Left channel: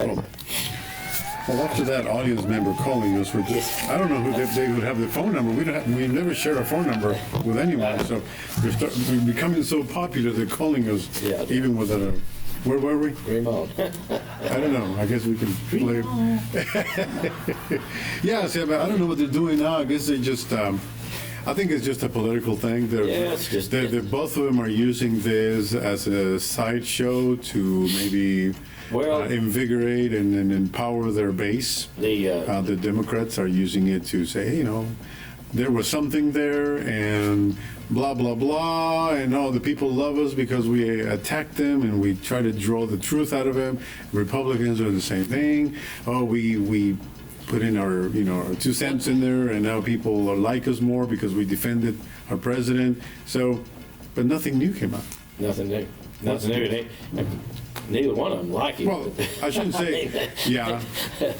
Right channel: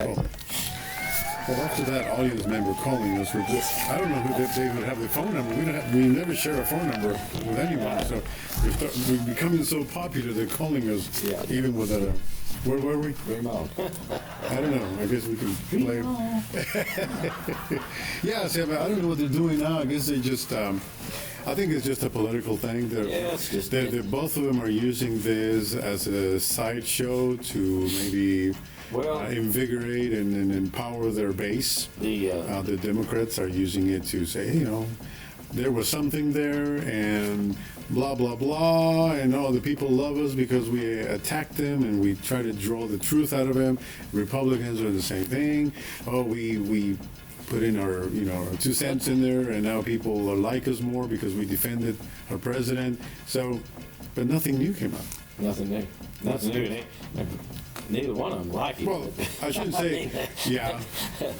Well, after that audience member calling us, I don't know who they would have the phone number. We never share our phone number with anyone. So we're becoming so popular they're calling us even without a. Where were we? Remote. I don't know. I guess we can play. Yeah, see, I don't know what they're doing now. I guess they just. I think it's just a political thing. It's just. Both of them are using this as a sideshow to maybe. Invigorate and empower their base. The Democrats are using it to say, there was something there and blah, blah, blah, and the people love us because we attacked them and we try to draw the truth out of them. Republicans are the same thing. We put in our 2 cents in there and now people like us more because we defended our president. So, but nothing new came out. Nothing new. Nothing new. Neither one of them like it. Well, I shouldn't say,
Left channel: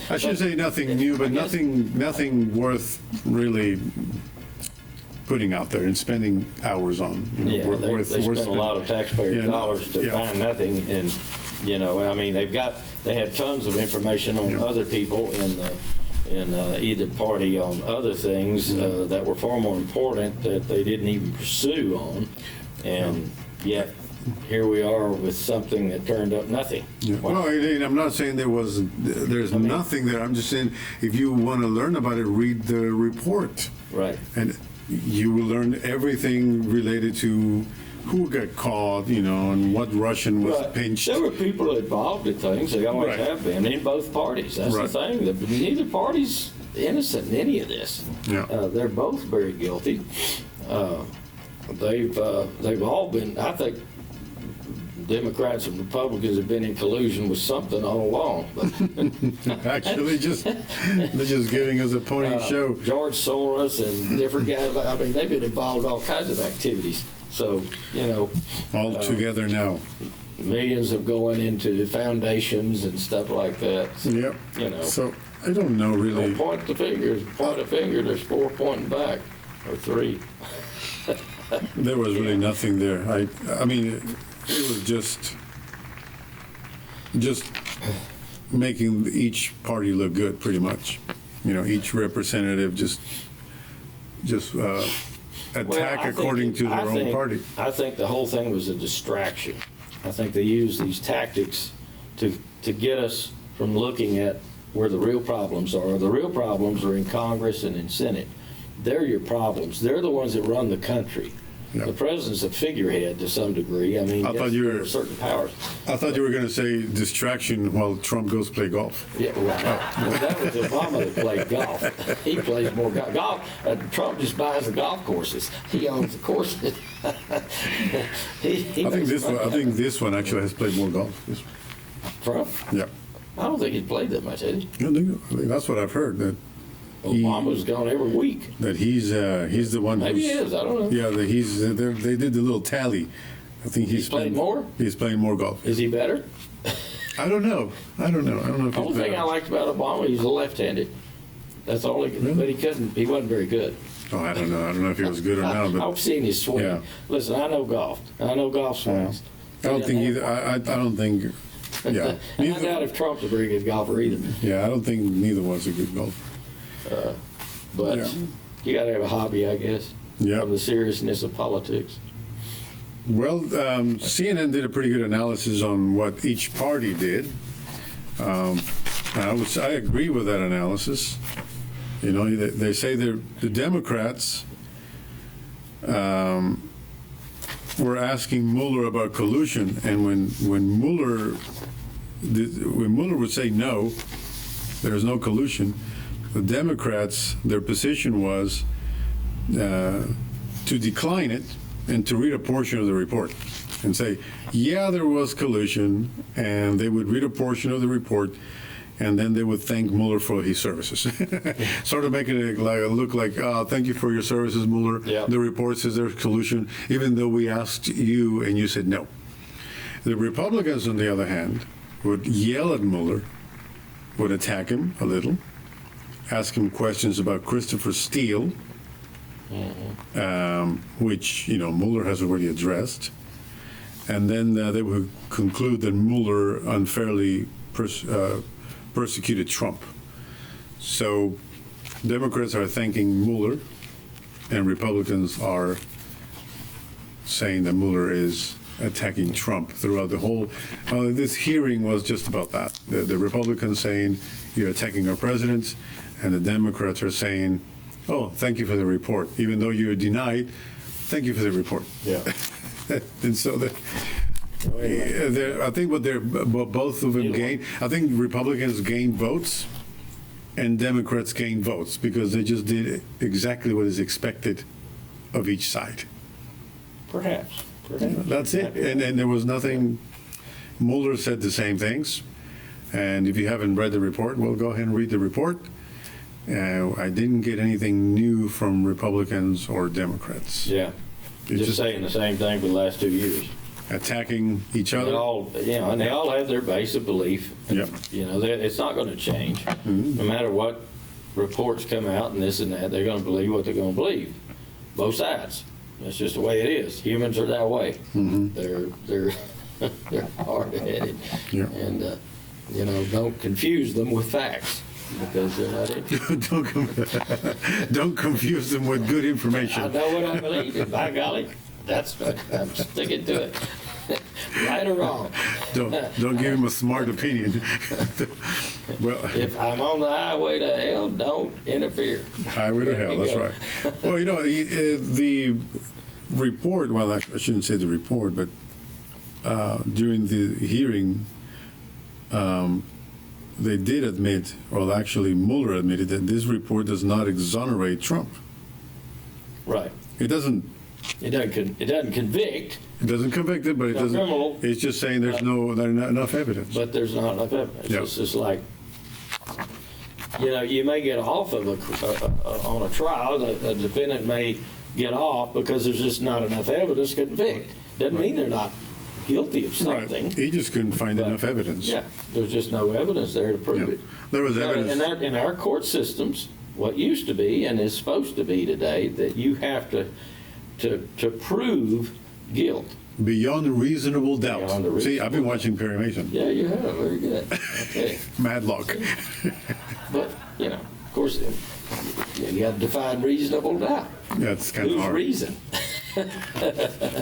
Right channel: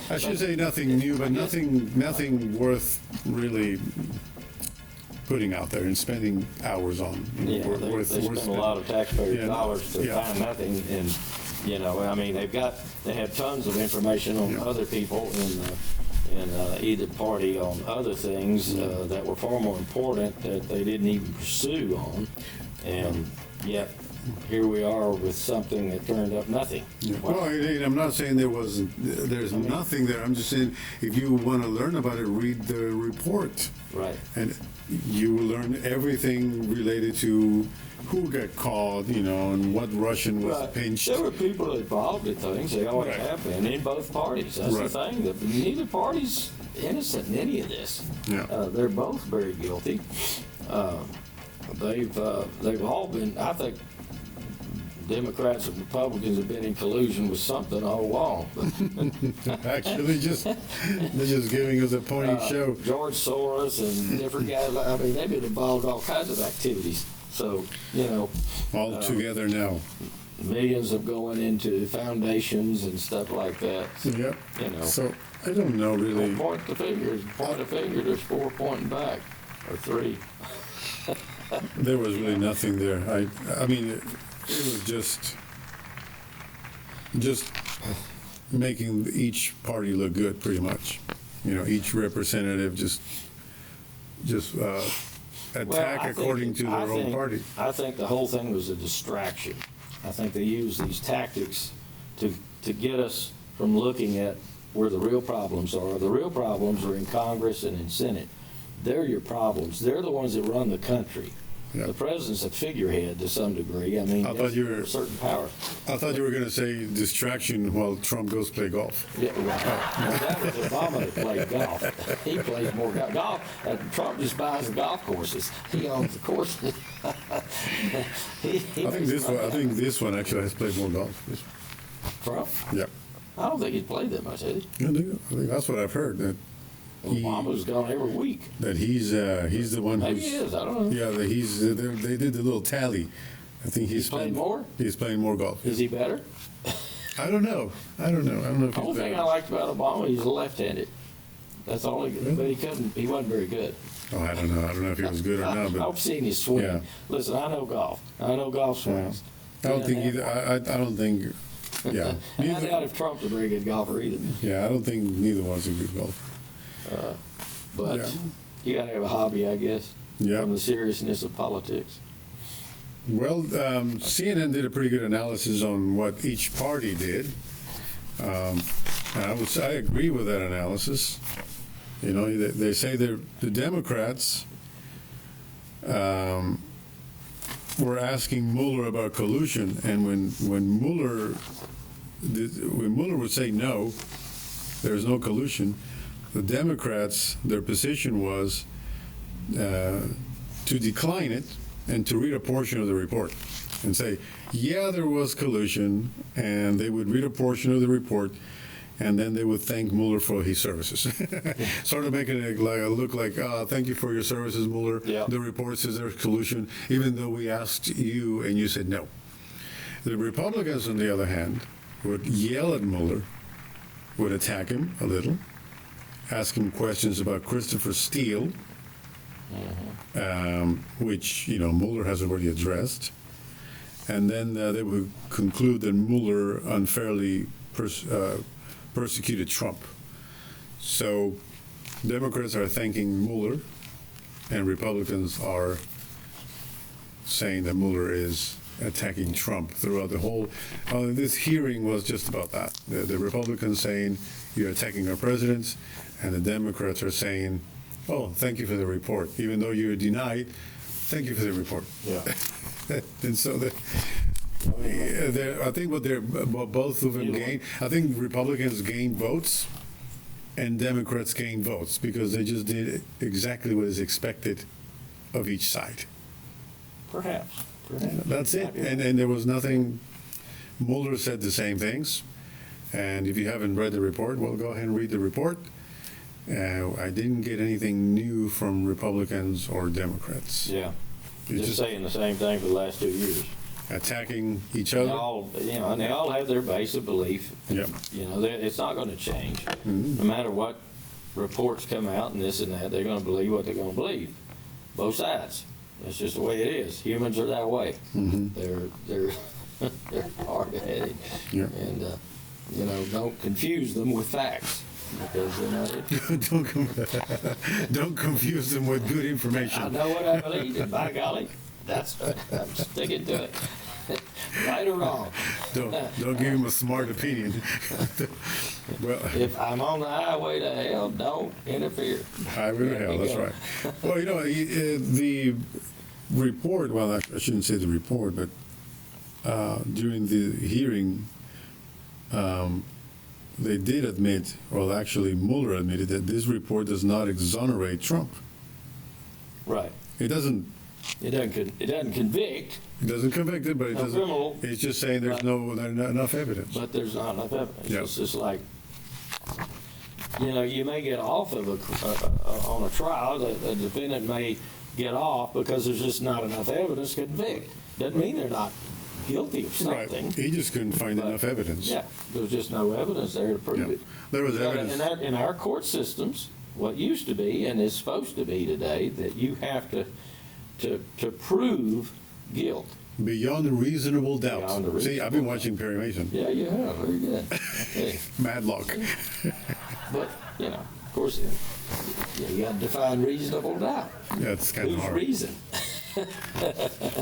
I shouldn't say nothing new, but nothing worth really putting out there and spending hours on. They spend a lot of taxpayer dollars to find nothing, and they had tons of information on other people in either party on other things that were far more important that they didn't even pursue on, and yet. Here we are with something that turned up nothing. Yeah. Well, I'm not saying there's nothing there. I'm just saying if you want to learn about it, read the report. Right. And you will learn everything related to who got caught, and what Russian was pinched. There were people involved in things. They always have been in both parties. That's the thing. Neither party's innocent in any of this. Yeah. They're both very guilty. They've all been, I think, Democrats and Republicans have been in collusion with something all along. Actually, they're just giving us a pointy show. George Soros and different guys. They've been involved in all kinds of activities. So, all together now. Millions of going into foundations and stuff like that. Yep. So I don't know really. Point the finger. There's 4 pointing back, or 3. There was really nothing there. I mean. It was just making each party look good, pretty much. Each representative just attack according to their own party. I think the whole thing was a distraction. I think they used these tactics to get us from looking at where the real problems are. The real problems are in Congress and in Senate. They're your problems. They're the ones that run the country. Yeah. The president's a figurehead to some degree. I thought you were certain powers. I thought you were going to say distraction while Trump goes play golf. Yeah, right. Well, that was Obama that played golf. He plays more golf. Trump just buys the golf courses. He owns the courses. I think this one actually has played more golf. Trump? Yeah. I don't think he's played that much, has he? I think that's what I've heard. That Obama's gone every week. That he's the one. Maybe he is. I don't know. Yeah, that they did the little tally. I think he's playing more. He's playing more golf. Is he better? I don't know. I don't know if he's better. The only thing I liked about Obama, he's a left-handed. That's all he. Really? But he wasn't very good. Oh, I don't know if he was good or not. But I've seen his swing. Yeah. Listen, I know golf. I know golf swings. I don't think either. I don't think. Yeah. I doubt if Trump's a very good golfer either. Yeah, I don't think neither one's a good golfer. But you got to have a hobby, I guess. Yeah. From the seriousness of politics. Well, CNN did a pretty good analysis on what each party did. I agree with that analysis. They say the Democrats were asking Mueller about collusion, and when Mueller would say no, there's no collusion. The Democrats, their position was to decline it and to read a portion of the report and say, yeah, there was collusion, and they would read a portion of the report, and then they would thank Mueller for his services. Sort of making it look like, thank you for your services, Mueller. Yep. The report says there's collusion, even though we asked you and you said no. The Republicans, on the other hand, would yell at Mueller, would attack him a little, ask him questions about Christopher Steele, which Mueller has already addressed, and then they would conclude that Mueller unfairly persecuted Trump. So Democrats are thanking Mueller, and Republicans are saying that Mueller is attacking Trump throughout the whole. This hearing was just about that. The Republicans saying you're attacking our president, and the Democrats are saying, "Oh, thank you for the report, even though you're denied. Thank you for the report." Yeah. And so I think both of them gained. I think Republicans gained votes, and Democrats gained votes because they just did exactly what is expected of each side. Perhaps. That's it. And there was nothing. Mueller said the same things. And if you haven't read the report, well, go ahead and read the report. I didn't get anything new from Republicans or Democrats. Yeah. Just saying the same thing for the last 2 years. Attacking each other. And they all have their base of belief. Yep. It's not going to change. No matter what reports come out and this and that, they're going to believe what they're going to believe. Both sides. That's just the way it is. Humans are that way. They're hard-headed. Yeah. And don't confuse them with facts because Don't confuse them with good information. I know what I believe, and by golly, I'm sticking to it. Right or wrong. Don't give him a smart opinion. Well, if I'm on the highway to hell, don't interfere. Highway to hell, that's right. Well, the report, well, I shouldn't say the report, but during the hearing, they did admit, well, actually, Mueller admitted that this report does not exonerate Trump. Right. It doesn't convict. It doesn't convict him, but it doesn't. Criminal, it's just saying there's not enough evidence. But there's not enough evidence. Yeah. It's just like, you may get off of on a trial. The defendant may get off because there's just not enough evidence to convict. Doesn't mean they're not guilty of something. Right. He just couldn't find enough evidence. Yeah, there's just no evidence there to prove it. There was evidence. And in our court systems, what used to be and is supposed to be today, that you have to prove guilt. Beyond reasonable doubt. Beyond a See, I've been watching Perry Mason. Yeah, you have. Very good. Okay. Madlock. But, of course, you got to define reasonable doubt. Yeah, it's kind of hard. Reason?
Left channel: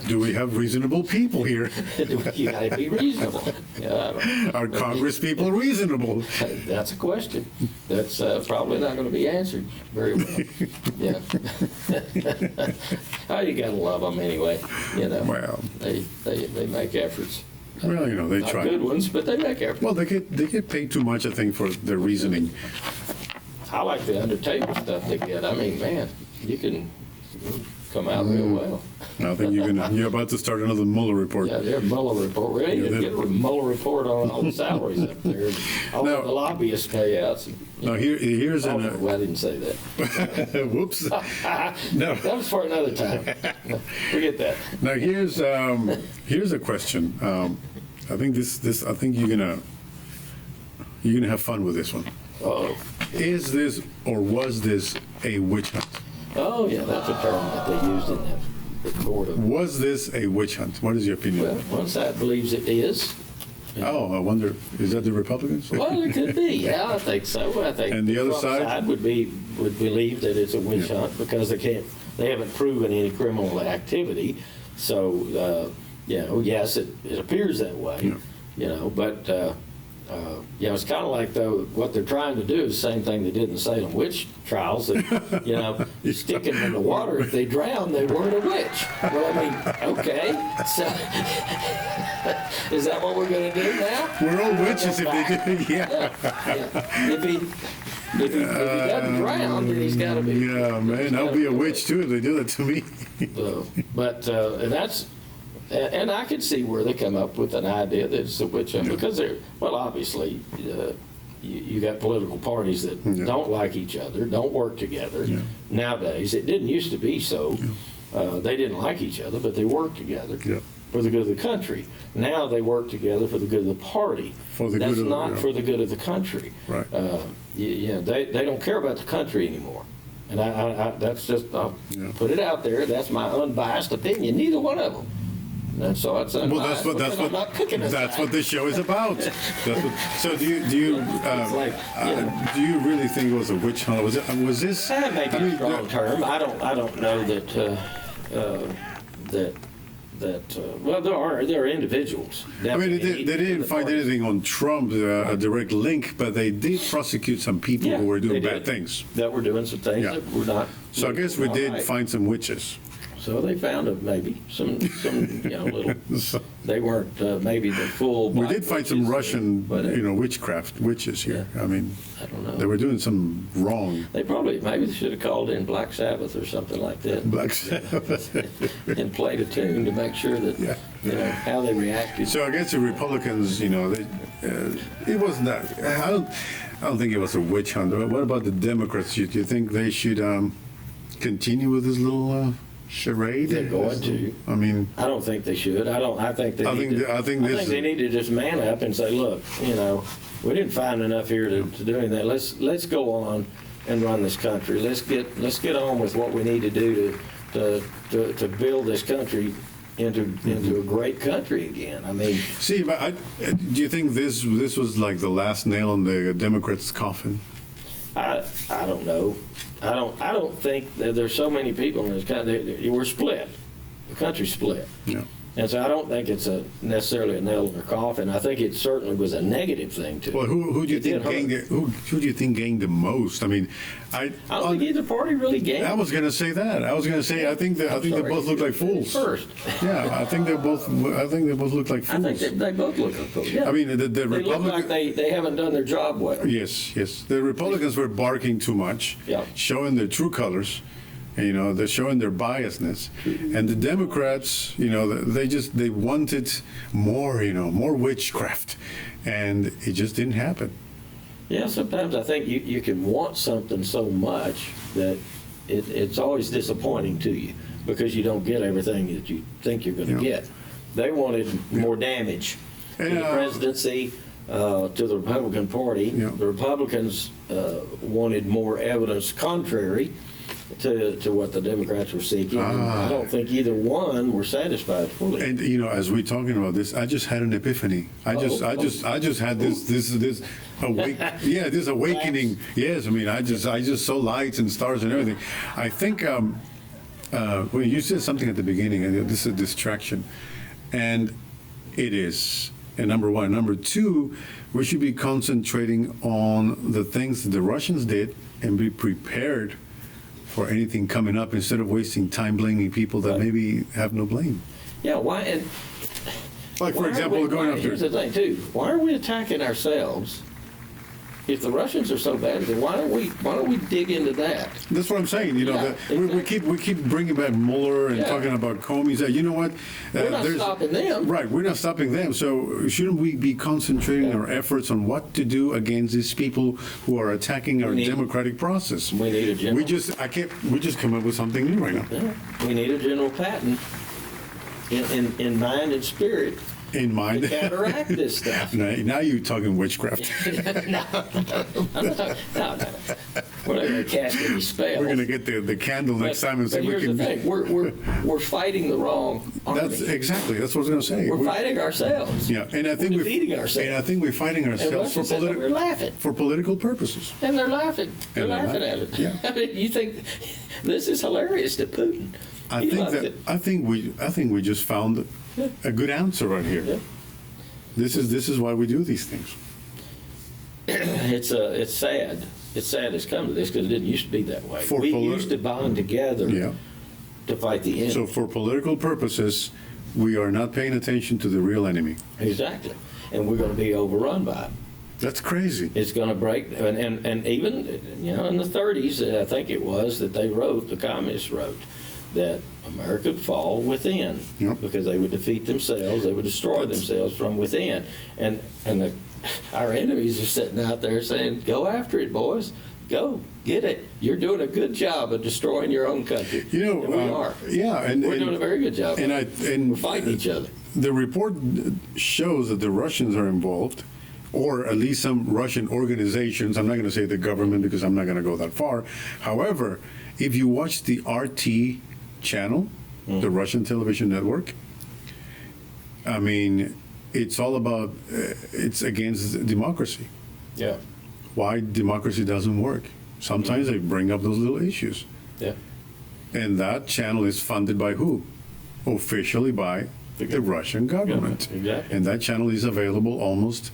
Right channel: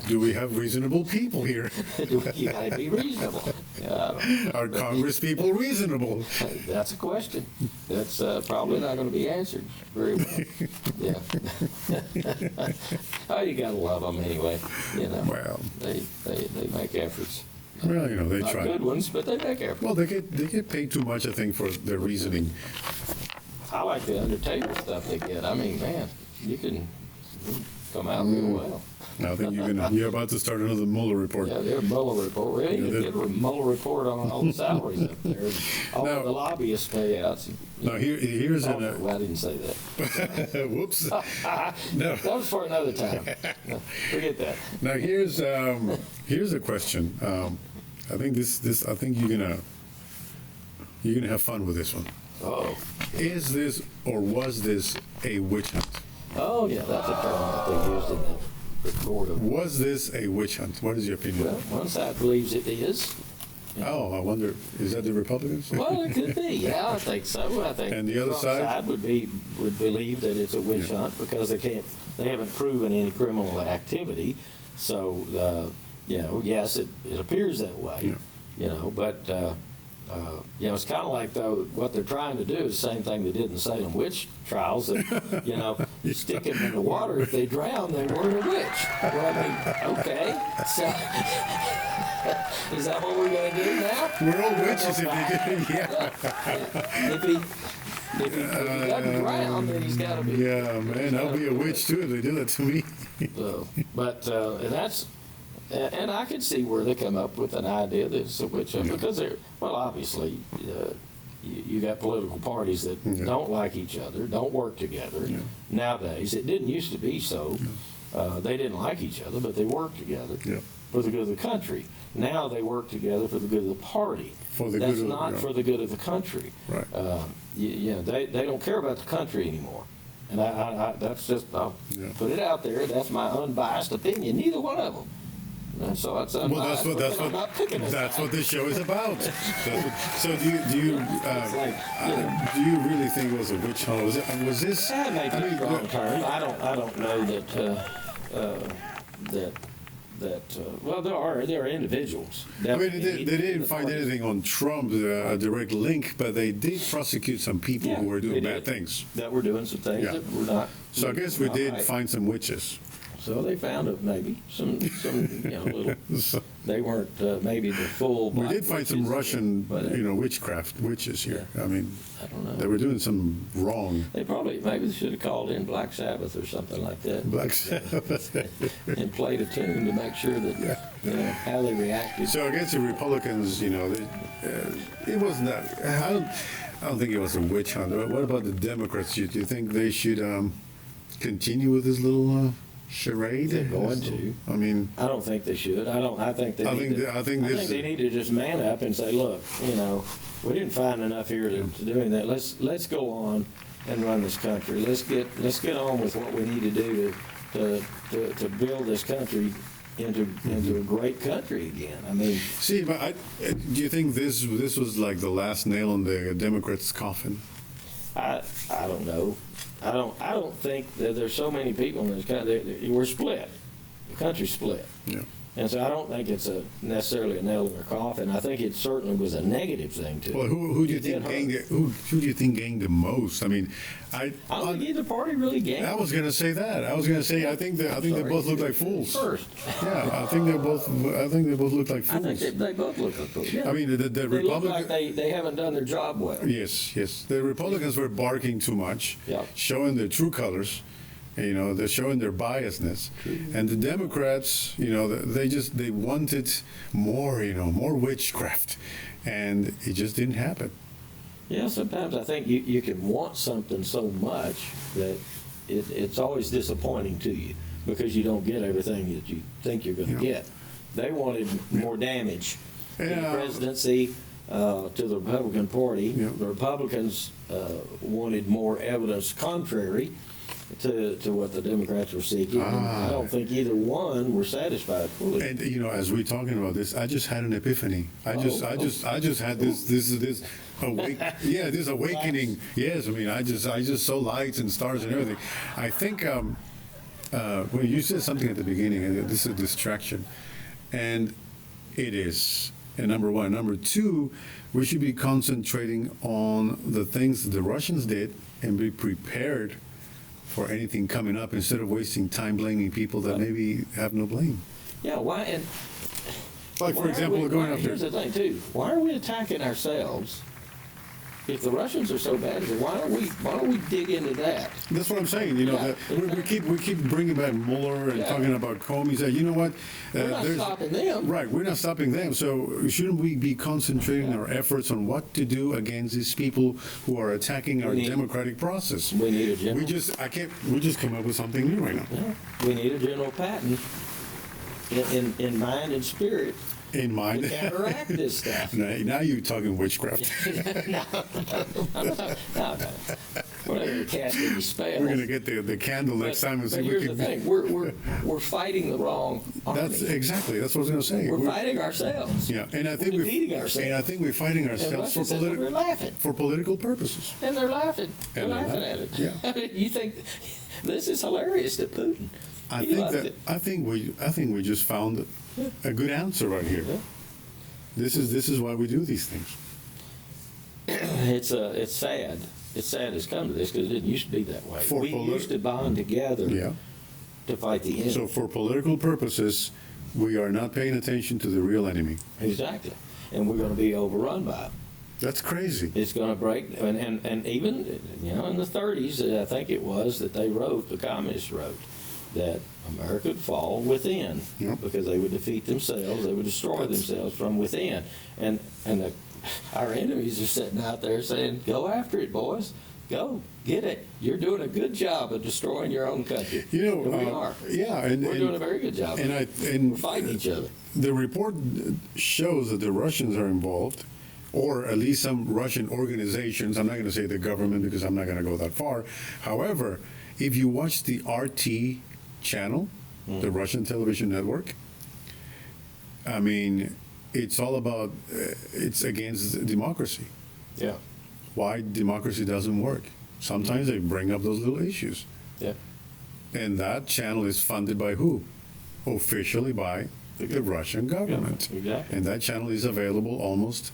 Do we have reasonable people here? You got to be reasonable. Are Congress people reasonable? That's a question. That's probably not going to be answered very well. Yeah. Oh, you got to love them anyway. Well, they make efforts. Well, they Not try. Good ones, but they make efforts. Well, they get paid too much, I think, for their reasoning. I like the Undertaker stuff they get. I mean, man, you can come out real well. I think you're about to start another Mueller report. Yeah, their Mueller report. We're ready to get a Mueller report on all the salaries up there, and all the lobbyist payouts. Now here's Well, I didn't say that. Whoops. No. That was for another time. No, forget that. Now here's a question. I think I think you're gonna have fun with this one. Oh. Is this or was this a witch hunt? Oh yeah, that's a term that they used in the court. Was this a witch hunt? What is your opinion? Well, one side believes it is. Oh, I wonder, is that the Republicans? Well, it could be. Yeah, I think so. I think. And the other side would believe that it's a witch hunt because they haven't proven any criminal activity. So, yes, it appears that way. Yeah. But it's kind of like what they're trying to do is the same thing they did in the Salem witch trials. That, stick them in the water. If they drown, they weren't a witch. Well, I mean, okay. So, is that what we're going to do now? We're all witches if they do. Yeah. If he doesn't drown, then he's got to be. Yeah, man, I'll be a witch too if they do that to me. And I could see where they come up with an idea that it's a witch hunt because obviously you got political parties that don't like each other, don't work together. Yeah. Nowadays, it didn't used to be so. Yeah. They didn't like each other, but they worked together for the good of the country. Now they work together for the good of the party. For the good of the country. Right. They don't care about the country anymore. And I that's just, I'll put it out there. That's my unbiased opinion. Neither one of them. And so it's Well, that's what this show is about. So do you really think it was a witch hunt? Was this? Maybe a strong term. I don't know that well, there are individuals. I mean, they didn't find anything on Trump, a direct link, but they did prosecute some people who were doing bad things. That were doing some things that were not. So I guess we did find some witches. So they found maybe some little. They weren't maybe the full. We did find some Russian, witches here. I mean, I don't know. They were doing some wrong. They maybe should have called in Black Sabbath or something like that. Black Sabbath. And played a tune to make sure that how they reacted. So I guess the Republicans, it wasn't that. I don't think it was a witch hunt. What about the Democrats? Do you think they should continue with this little? Charade? They're going to. I mean, I don't think they should. I think they need to just man up and say, look, we didn't find enough here to do anything. Let's go on and run this country. Let's get on with what we need to do to build this country into a great country again. I mean, see, but do you think this was like the last nail in the Democrats' coffin? I don't know. I don't think that there's so many people in this country. We're split. The country's split. Yeah. And so I don't think it's necessarily a nail in their coffin. I think it certainly was a negative thing too. Well, who do you think gained who do you think gained the most? I mean, I don't think either party really gained. I was going to say that. I was going to say I think they both look like fools. First. Yeah, I think they both look like fools. I think they both look like fools. Yeah. I mean, the Republicans. They look like they haven't done their job well. Yes. The Republicans were barking too much, showing their true colors. They're showing their biasness, and the Democrats, they wanted more, more witchcraft, and it just didn't happen. Yeah, sometimes I think you can want something so much that it's always disappointing to you because you don't get everything that you think you're going to get. They wanted more damage to the presidency, to the Republican Party. The Republicans wanted more evidence contrary to what the Democrats were seeking. I don't think either one were satisfied fully. And as we're talking about this, I just had an epiphany. I just had this this awakening. Yes, I mean, I just saw lights and stars and everything. I think when you said something at the beginning, and this is a distraction, and it is. And number one, number two, we should be concentrating on the things that the Russians did and be prepared for anything coming up instead of wasting time blaming people that maybe have no blame. Yeah, why? And like, for example, going after. Here's the thing, too. Why are we attacking ourselves? If the Russians are so bad, then why don't we dig into that? That's what I'm saying. We keep bringing back Mueller and talking about Comey. You know what? We're not stopping them. Right, we're not stopping them. So shouldn't we be concentrating our efforts on what to do against these people who are attacking our democratic process? We need a general. We just come up with something new right now. Yeah. We need a general pattern in mind and spirit. In mind. To counteract this stuff. Now you're talking witchcraft. No. Whatever casting these spells. We're going to get the candle next time and see if we can. Here's the thing. We're fighting the wrong army. That's what I was going to say. We're fighting ourselves. Yeah, and I think we're defeating ourselves. And I think we're fighting ourselves for political purposes. And they're laughing. They're laughing at it. Yeah. I mean, you think this is hilarious to Putin? I think we just found a good answer right here. Yeah. This is why we do these things. It's sad. It's sad it's come to this because it didn't used to be that way. We used to bond together to fight the enemy. So for political purposes, we are not paying attention to the real enemy. Exactly. And we're going to be overrun by it. That's crazy. It's going to break, and even in the 30s, I think it was that the communists wrote that America would fall within because they would defeat themselves, they would destroy themselves from within, and our enemies are sitting out there saying, "Go after it, boys, go get it. You're doing a good job of destroying your own country." We are. Yeah, and we're doing a very good job. And we're fighting each other. The report shows that the Russians are involved, or at least some Russian organizations. I'm not going to say the government because I'm not going to go that far. However, if you watch the RT channel, the Russian television network, I mean, it's all about, it's against democracy. Yeah. Why democracy doesn't work. Sometimes they bring up those little issues. Yeah. And that channel is funded by who? Officially by the Russian government. Exactly. And that channel is available almost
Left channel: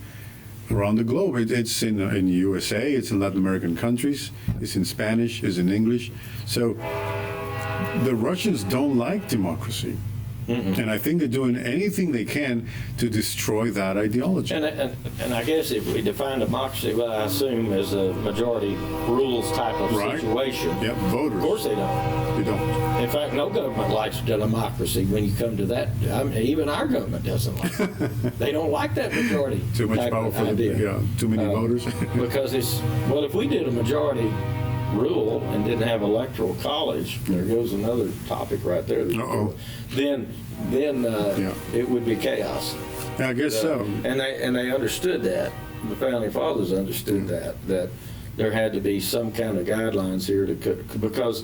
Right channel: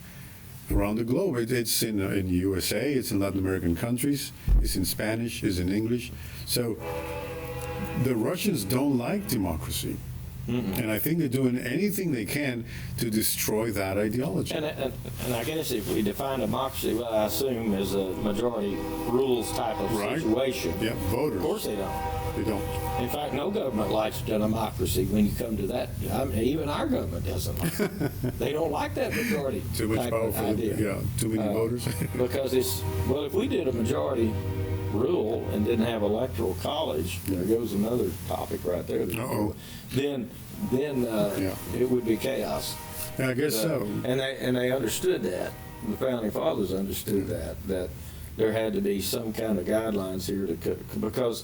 around the globe. It's in USA, it's in Latin American countries, it's in Spanish, it's in English. So the Russians don't like democracy. And I think they're doing anything they can to destroy that ideology. And I guess if we define democracy, well, I assume as a majority rules type of situation. Yeah, voters. Of course they don't. They don't. In fact, no government likes democracy when you come to that. I mean, even our government doesn't like it. They don't like that majority. Too much power for too many voters. Because well, if we did a majority rule and didn't have electoral college, there goes another topic right there. Then it would be chaos. Yeah, I guess so. And they understood that. The founding fathers understood that there had to be some kind of guidelines here because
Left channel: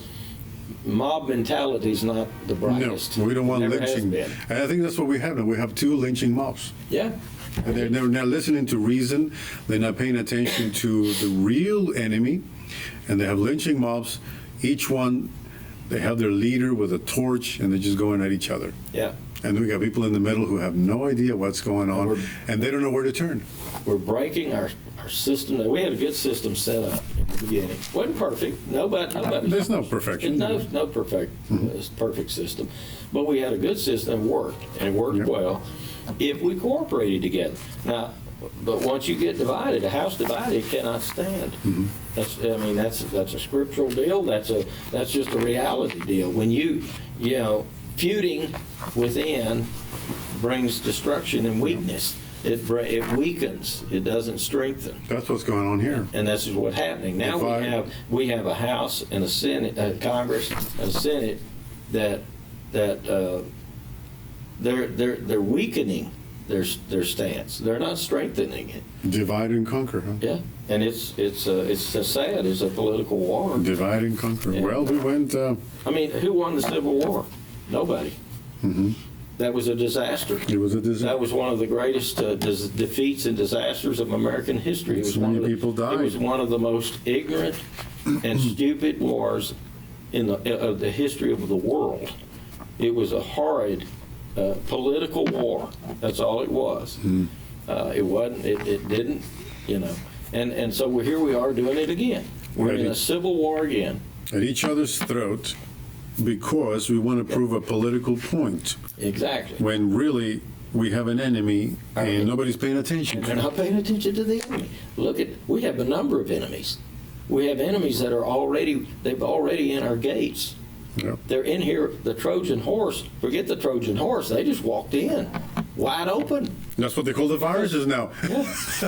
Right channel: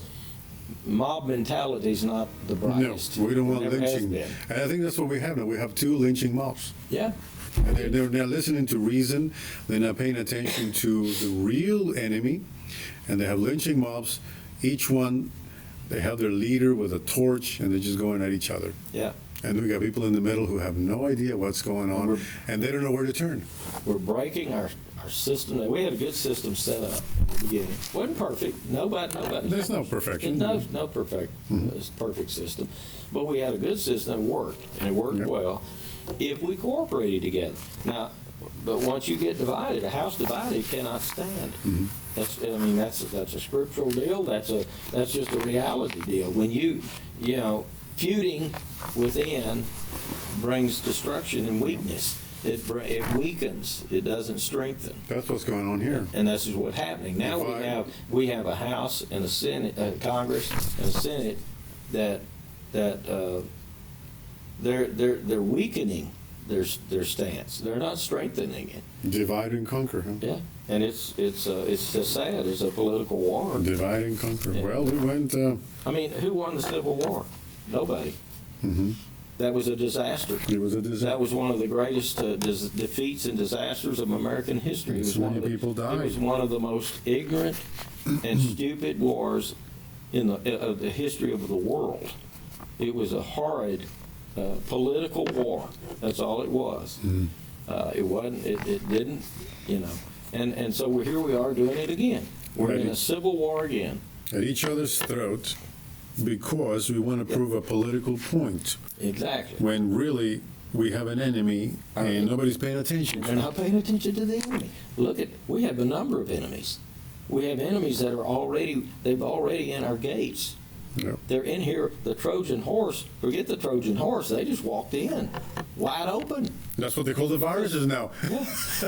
mob mentality is not the brightest. No, we don't want lynching. And I think that's what we have now. We have 2 lynching mobs. Yeah. And they're not listening to reason. They're not paying attention to the real enemy. And they have lynching mobs. Each one, they have their leader with a torch, and they're just going at each other. Yeah. And we got people in the middle who have no idea what's going on, and they don't know where to turn. We're breaking our system. We had a good system set up in the beginning. Wasn't perfect. Nobody. There's no perfection. No perfect. It's perfect system. But we had a good system that worked, and it worked well if we cooperated together. Now, but once you get divided, a house divided cannot stand. That's a scriptural deal. That's just a reality deal. When feuding within brings destruction and weakness. It weakens. It doesn't strengthen. That's what's going on here. And this is what's happening now. We have a House and a Senate, Congress and a Senate that they're weakening their stance. They're not strengthening it. Divide and conquer, huh? Yeah, and it's sad. It's a political war. Divide and conquer. Yeah. Well, we went. I mean, who won the Civil War? Nobody. That was a disaster. It was a disaster. That was one of the greatest defeats and disasters of American history. So many people died. It was one of the most ignorant and stupid wars of the history of the world. It was a horrid political war. That's all it was. It wasn't. It didn't. And so here we are doing it again. We're in a civil war again. At each other's throat. Because we want to prove a political point. Exactly. When really we have an enemy and nobody's paying attention. They're not paying attention to the enemy. We have a number of enemies. We have enemies that are already in our gates. Yeah. They're in here, the Trojan horse. Forget the Trojan horse. They just walked in, wide open. That's what they call the viruses now. Yeah.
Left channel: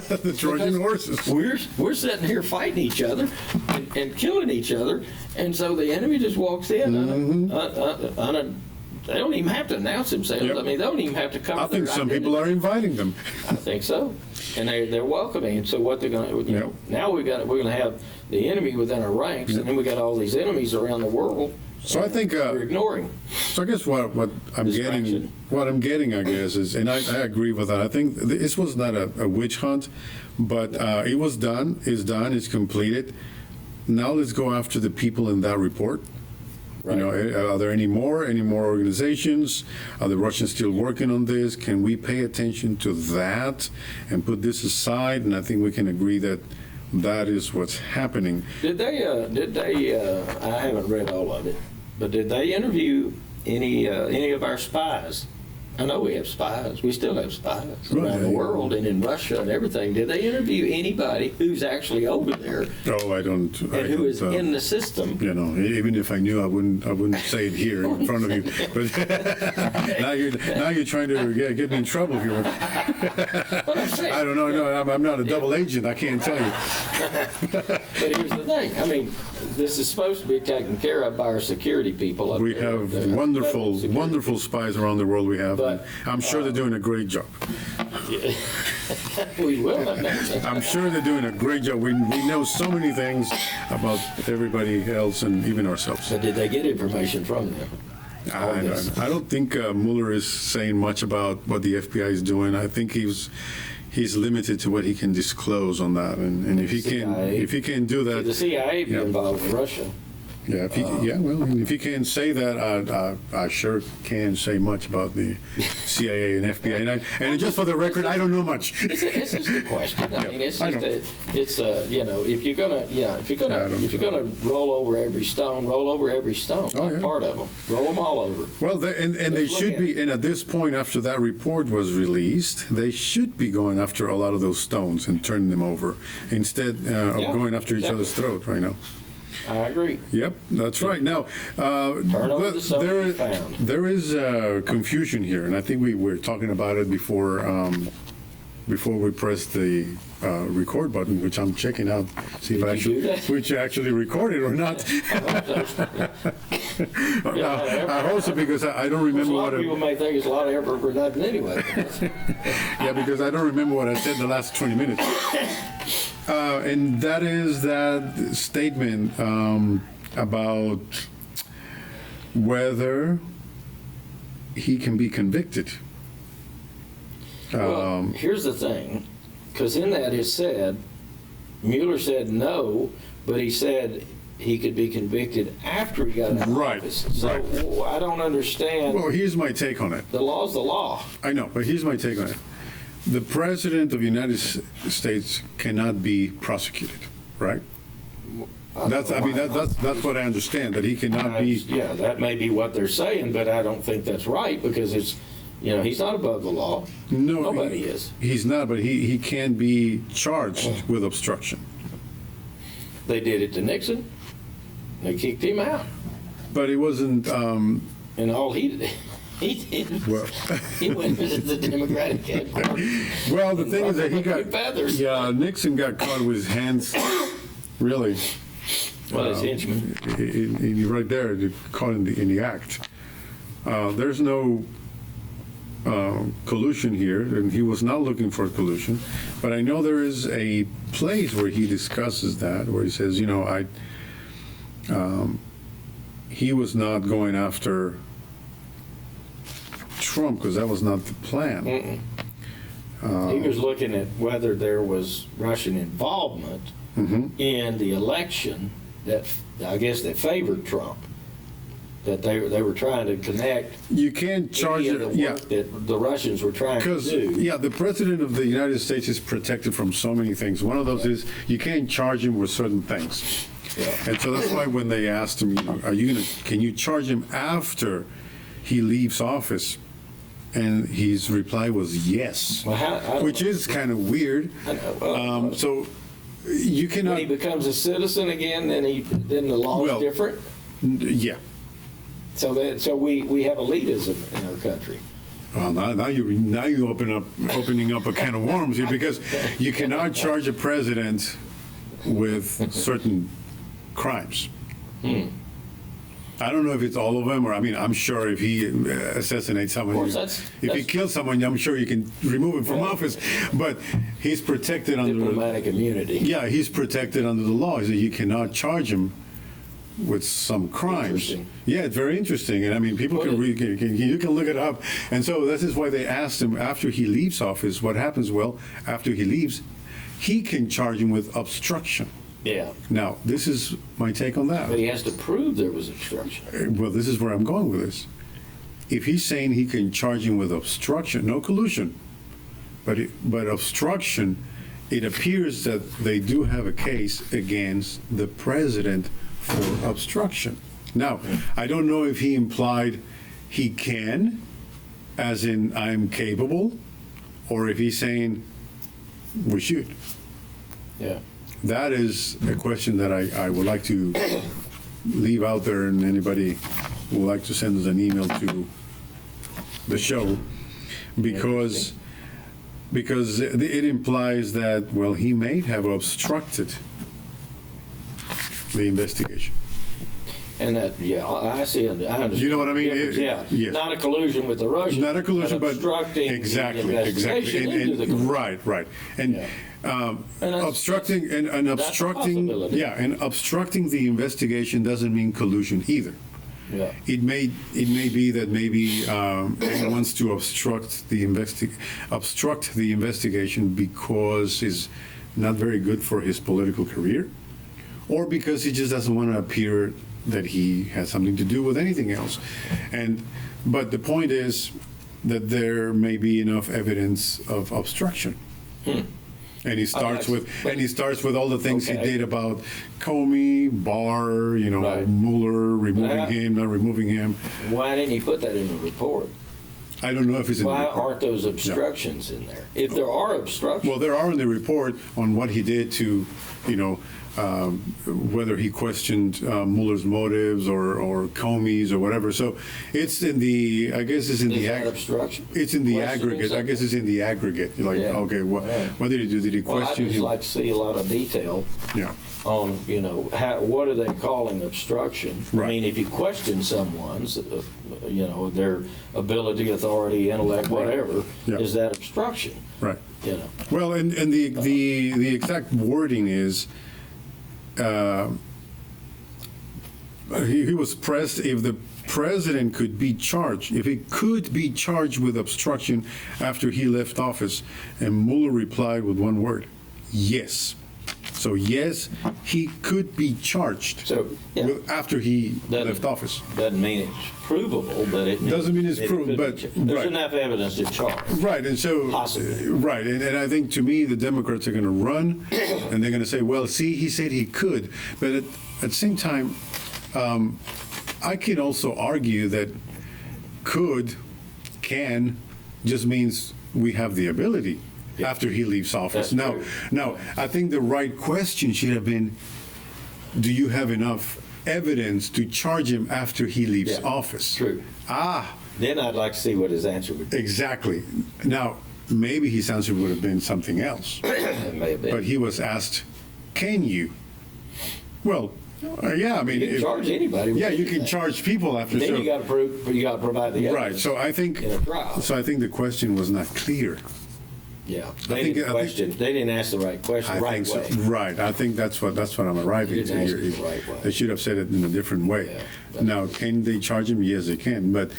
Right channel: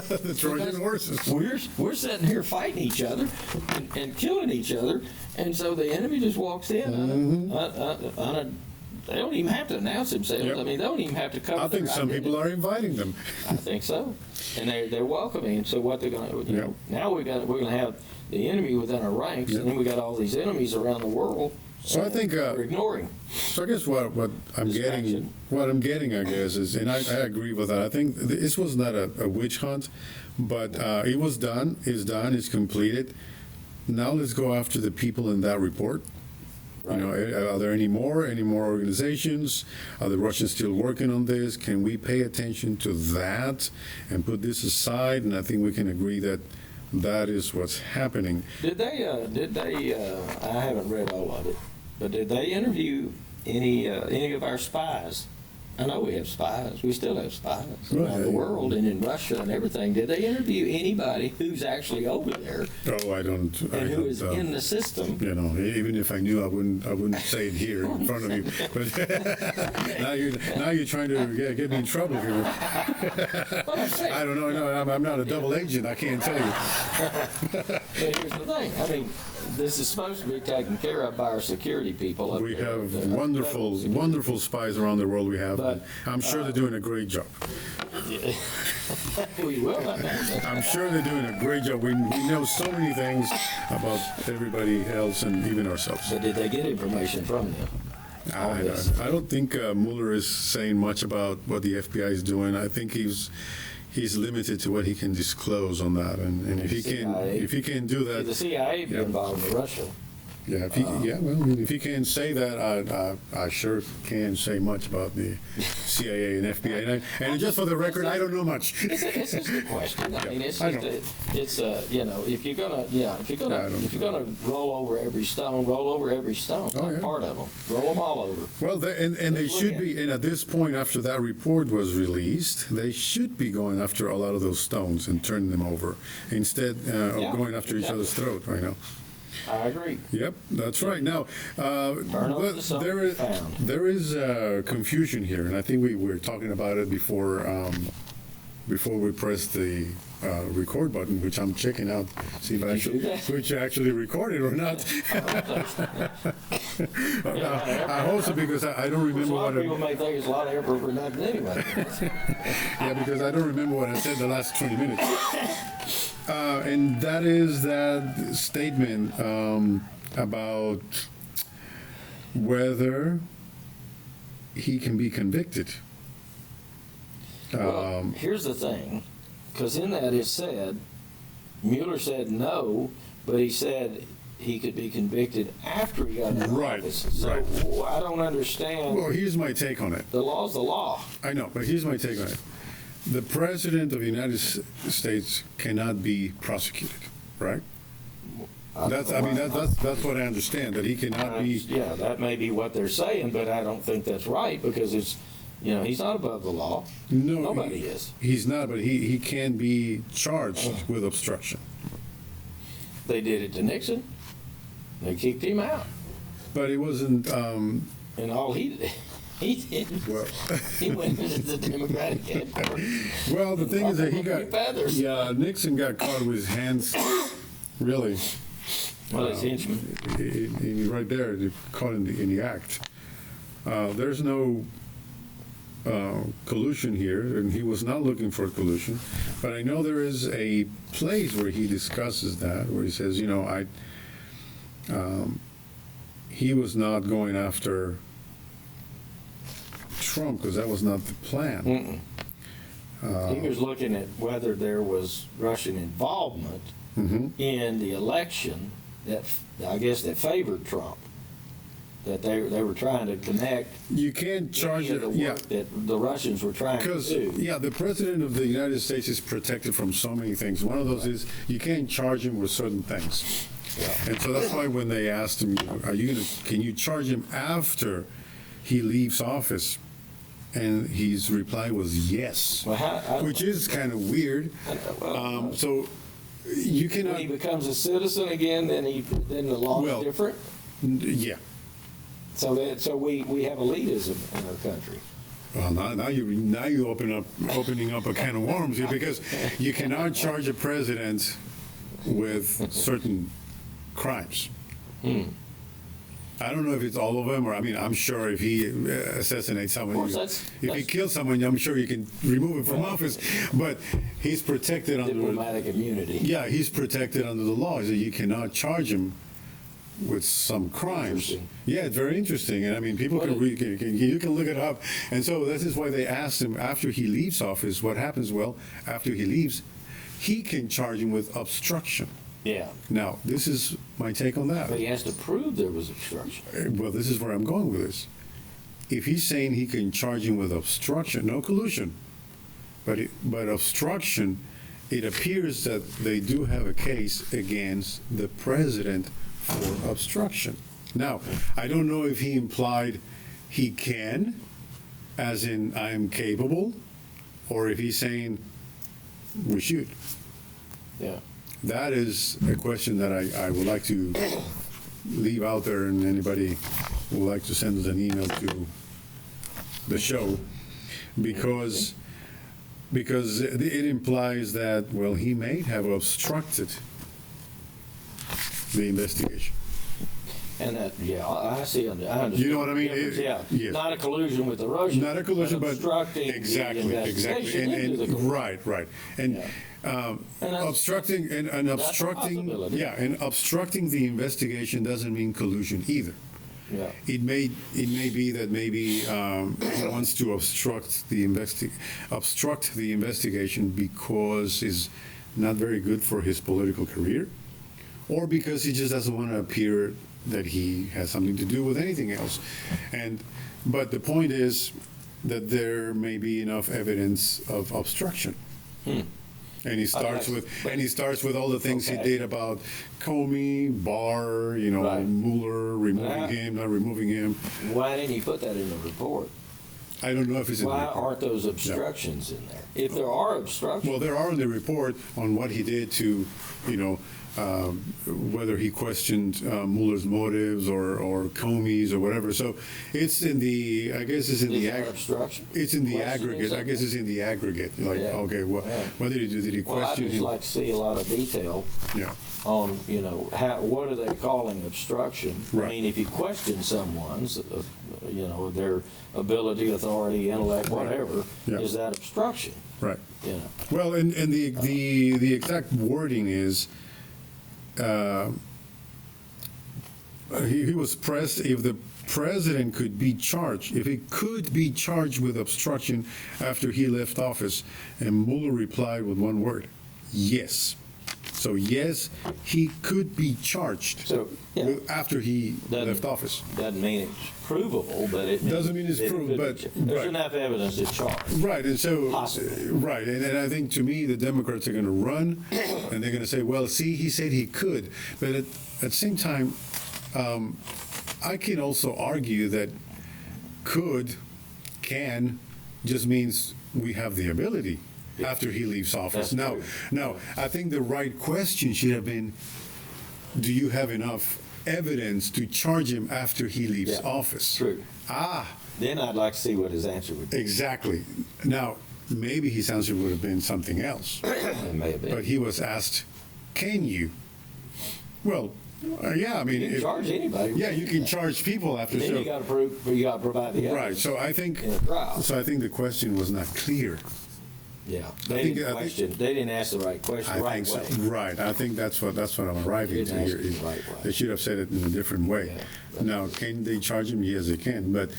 The Trojan horses. We're sitting here fighting each other and killing each other, and so the enemy just walks in. They don't even have to announce themselves. Yep. I mean, they don't even have to cover. I think some people are inviting them. I think so, and they're welcoming. And so what they're going to now we're going to have the enemy within our ranks, and then we got all these enemies around the world. So I think we're ignoring. So I guess what I'm getting, I guess, is, and I agree with that. I think this was not a witch hunt, but it was done. It's done. It's completed. Now let's go after the people in that report. Right. Are there any more organizations? Are the Russians still working on this? Can we pay attention to that and put this aside? And I think we can agree that is what's happening. Did they? I haven't read all of it, but did they interview any of our spies? I know we have spies. We still have spies around the world and in Russia and everything. Did they interview anybody who's actually over there? Oh, I don't. Who is in the system? Even if I knew, I wouldn't say it here in front of you. But now you're trying to get me in trouble here. I don't know. No, I'm not a double agent. I can't tell you. But here's the thing. I mean, this is supposed to be taken care of by our security people. We have wonderful spies around the world. We have. But, I'm sure they're doing a great job. We will. I'm sure they're doing a great job. We know so many things about everybody else and even ourselves. But did they get information from them? I don't think Mueller is saying much about what the FBI is doing. I think he's limited to what he can disclose on that, and if he can do that, the CIA be involved in Russia. Yeah, if he can say that, I sure can't say much about the CIA and FBI. And just for the record, I don't know much. It's just a question. I mean, it's if you're gonna roll over every stone, roll over every stone. Part of them, roll them all over. Well, and they should be. And at this point, after that report was released, they should be going after a lot of those stones and turning them over instead of going after each other's throat right now. I agree. Yep, there is confusion here, and I think we were talking about it before we pressed the record button, which I'm checking out, see if I actually recorded or not. I hope so, because I don't remember what people might think it's a lot of effort for nothing anyway. Yeah, because I don't remember what I said the last 20 minutes. And that is that statement about whether he can be convicted. Well, here's the thing, because in that it said, Mueller said no, but he said he could be convicted after he got out of office. So I don't understand. Well, here's my take on it. The law's the law. I know, but here's my take on it. The President of the United States cannot be prosecuted, right? That's what I understand, that he cannot be. Yeah, that may be what they're saying, but I don't think that's right, because it's, he's not above the law. No, nobody is. He's not, but he can be charged with obstruction. They did it to Nixon. They kicked him out. But it wasn't. And all he did. He went into the Democratic campaign. Well, the thing is that he got feathers. Yeah, Nixon got caught with his hands, really. Well, his henchman. He right there, caught in the act. There's no collusion here, and he was not looking for collusion. But I know there is a place where he discusses that, where he says, he was not going after Trump, because that was not the plan. He was looking at whether there was Russian involvement in the election that I guess that favored Trump. That they were trying to connect. You can't charge it. That the Russians were trying to do. Yeah, the President of the United States is protected from so many things. One of those is you can't charge him with certain things. Yeah. And so that's why when they asked him, can you charge him after he leaves office? And his reply was yes, which is kind of weird. So you cannot. When he becomes a citizen again, then the law is different. Yeah. So we have elitism in our country. Well, now you opening up a can of worms here, because you cannot charge a president with certain crimes. I don't know if it's all of them, or I'm sure if he assassinates someone, if he kills someone, I'm sure you can remove him from office. But he's protected under diplomatic immunity. Yeah, he's protected under the law, so you cannot charge him with some crimes. Yeah, it's very interesting, and people can read. You can look it up, and so this is why they asked him after he leaves office. What happens? Well, after he leaves, he can charge him with obstruction. Yeah. Now, this is my take on that. But he has to prove there was obstruction. Well, this is where I'm going with this. If he's saying he can charge him with obstruction, no collusion, but obstruction, it appears that they do have a case against the president for obstruction. Now, I don't know if he implied he can, as in I'm capable, or if he's saying we should. Yeah. That is a question that I would like to leave out there, and anybody who would like to send us an email to the show, because it implies that, well, he may have obstructed the investigation. And that, I see. I understand. You know what I mean? Yes. Not a collusion with the Russians. Not a collusion, but exactly. And right. And obstructing the investigation doesn't mean collusion either. Yeah. It may be that maybe he wants to obstruct the investigation because it's not very good for his political career, or because he just doesn't want to appear that he has something to do with anything else. But the point is that there may be enough evidence of obstruction. And he starts with all the things he did about Comey, Barr, Right. Mueller, removing him, not removing him. Why didn't he put that in the report? I don't know if it's in the Why report. aren't those obstructions in there? If there are obstructions, Well, there are in the report on what he did to, whether he questioned Mueller's motives or Comey's or whatever. So it's in the, I guess it's in is the that obstruction? it's in the Questioning aggregate. I guess it's in the aggregate. Like, Yeah. okay, what did he do? Did he Well, I'd question just him? like to see a lot of detail Yeah. on, what are they calling obstruction? Right. I mean, if you question someone's, their ability, authority, intellect, whatever, Yeah. is that obstruction? Right. You know, Well, and the exact wording is, he was pressed if the president could be charged, if he could be charged with obstruction after he left office, and Mueller replied with one word, yes. So yes, he could be charged So, yeah. after he Doesn't- left office. doesn't mean it's provable, but it Doesn't mean it's provable, but- there's right. enough evidence to charge. Right, and so, Possibly. right, and I think to me, the Democrats are going to run, and they're going to say, well, see, he said he could. But at the same time, I can also argue that can, just means we have the ability after he leaves office. That's true. Now, I think the right question should have been, do you have enough evidence to charge him after he leaves Yeah, office? true. Ah, Then I'd like to see what his answer would be. exactly. Now, maybe his answer would have been something else. It may have been. But he was asked, can you? Well, yeah, I mean, You can charge anybody. yeah, you can charge people after. Then So, you got to prove. You got to provide the right. evidence. So I think. In a trial. So I think the question was not clear. Yeah. I They think- didn't I think- question. They didn't ask the right question. I the right think so. way. Right. I think that's what I'm arriving You to didn't here. ask it the right way. They should have said it in a different way. Yeah. Now, can they charge him? Yes, they can. But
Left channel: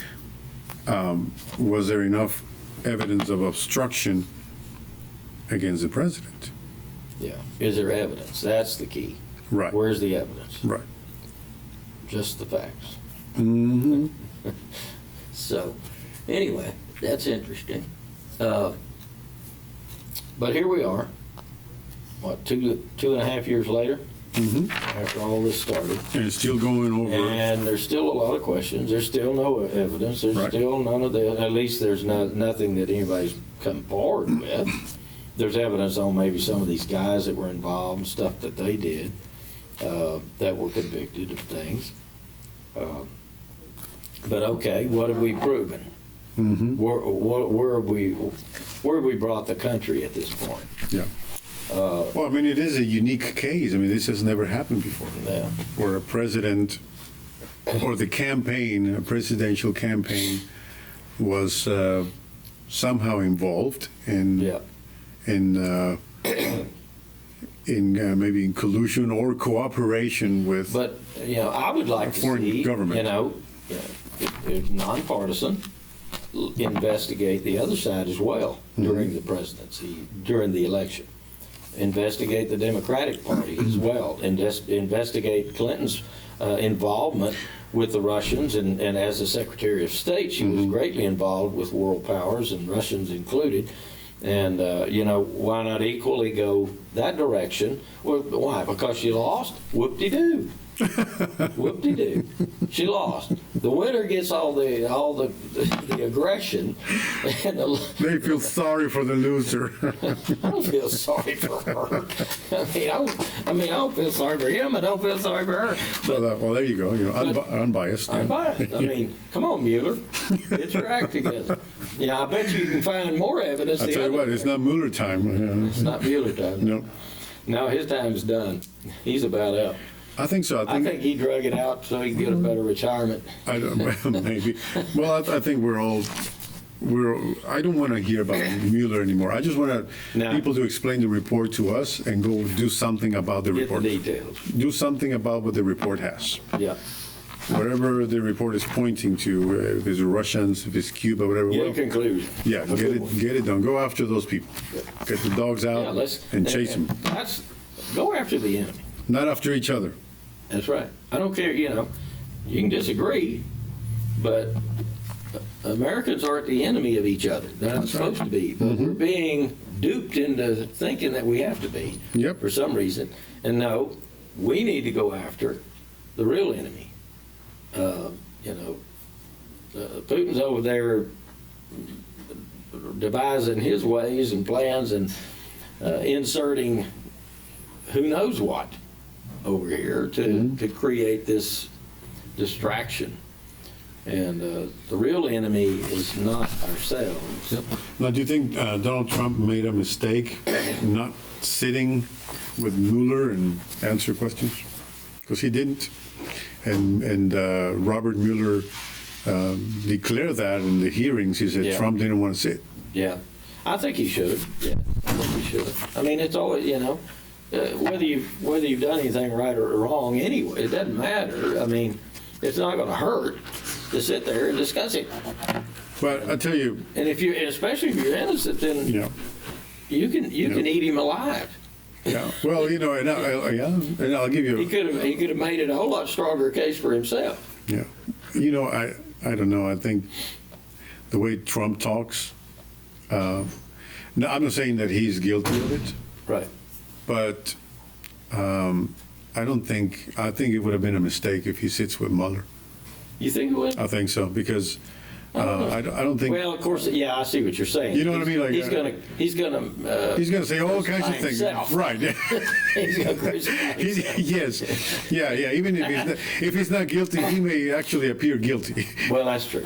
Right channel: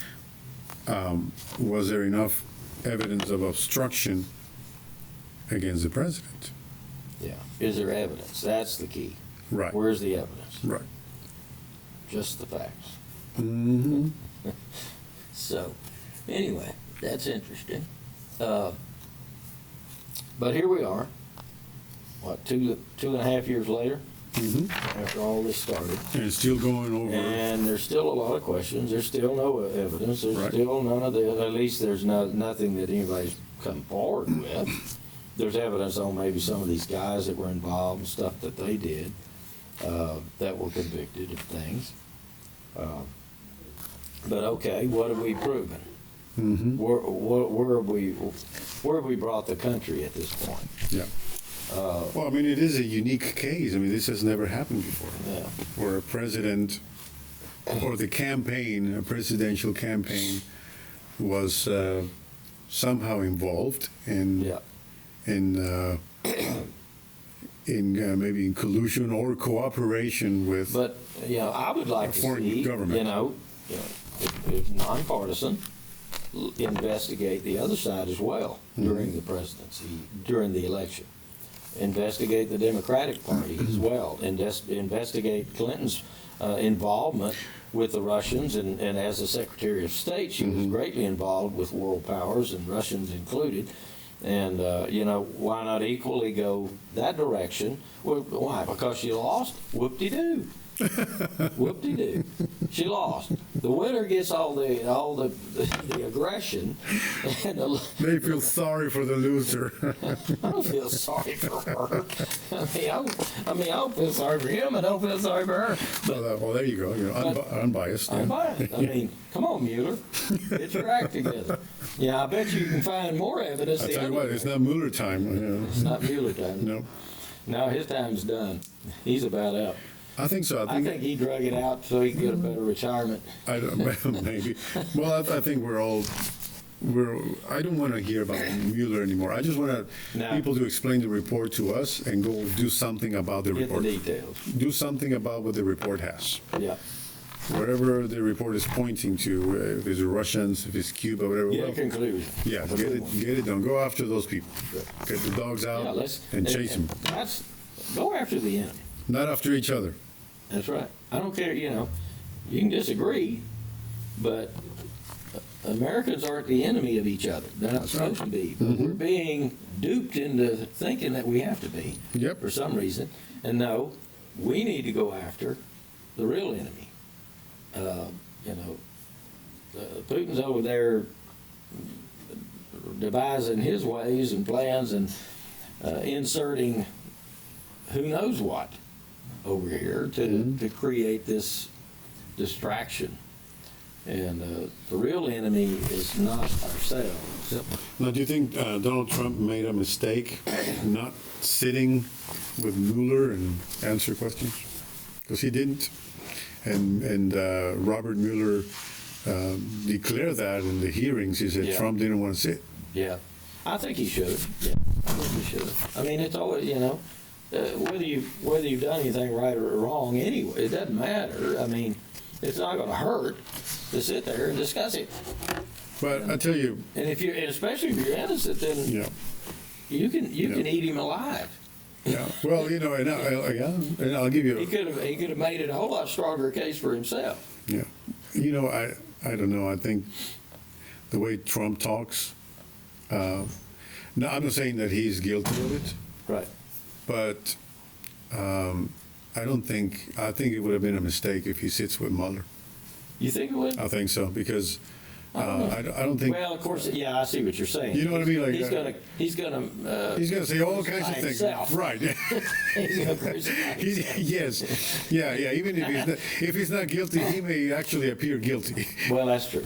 was there enough evidence of obstruction against the president? Yeah. Is there evidence? That's the key. Right. Where's the evidence? Right. Just the facts. Mm-hmm. So, anyway, that's interesting. But here we are. What, two and a half years later? Mm-hmm. After all this started. And it's still going over. And there's still a lot of questions. There's still no evidence. There's Right. still none of the, at least there's nothing that anybody's come forward with. There's evidence on maybe some of these guys that were involved and stuff that they did that were convicted of things. But okay, what have we proven? Mm-hmm. Where have we brought the country at this point? Yeah. Well, I mean, it is a unique case. I mean, this has never happened before, Yeah. where a president or the campaign, a presidential campaign, was somehow involved in Yeah. Maybe in collusion or cooperation with. But, I would like to Foreign see, government. if nonpartisan, investigate the other side as well during the presidency, during the election. Investigate the Democratic Party as well. Investigate Clinton's involvement with the Russians, and as the Secretary of State, she was greatly involved with world powers, and Russians included. And, why not equally go that direction? Well, why? Because she lost? Whoop-de-doo. Whoop-de-doo. She lost. The winner gets all the aggression, and They feel sorry for the loser. I don't feel sorry for her. I don't feel sorry for him. I don't feel sorry for her. Well, there you go. Unbiased. I'm Yeah. fine. I mean, come on, Mueller. Get your act together. Yeah, I bet you can find more evidence. I the tell you other what, way. it's not Mueller time. It's not Mueller time. No, No, his time's done. He's about up. I think so. I think he drug it out so he can get a better retirement. I don't, maybe. Well, I think I don't want to hear about Mueller anymore. I just want No. people to explain the report to us and go do something about the Get the report. details. Do something about what the report has. Yeah. whatever the report is pointing to, if it's Russians, if it's Cuba, whatever. Get a conclusion. Yeah, get it done. Go after those people. Get the dogs out and chase them. Go after the enemy. Not after each other. That's right. I don't care, you can disagree, but Americans aren't the enemy of each other. They're not supposed to be. But we're being duped into thinking that we have to be for some reason. And no, we need to go after the real enemy. Putin's over there devising his ways and plans and inserting who knows what over here to create this distraction. And the real enemy is not ourselves. Now, do you think Donald Trump made a mistake not sitting with Mueller and answer questions? Because he didn't. And Robert Mueller declared that in the hearings. He said Trump didn't want to sit. Yeah. I think he should. Yeah, I think he should. I mean, it's always, whether you've done anything right or wrong anyway, it doesn't matter. I mean, it's not going to hurt to sit there and discuss it. But I tell you, and especially if you're innocent, then you can eat him alive. Yeah. Well, and I'll give you. He could have made it a whole lot stronger case for himself. Yeah. I don't know. I think the way Trump talks. No, I'm not saying that he's guilty of it. Right. But I think it would have been a mistake if he sits with Mueller. You think it would? I think so, because I don't think. Well, of course, yeah, I see what you're saying. You know what I mean? Like he's gonna say all kinds of things, right? He's gonna crucify himself. Yes, yeah. Even if he's not guilty, he may actually appear guilty. Well, that's true.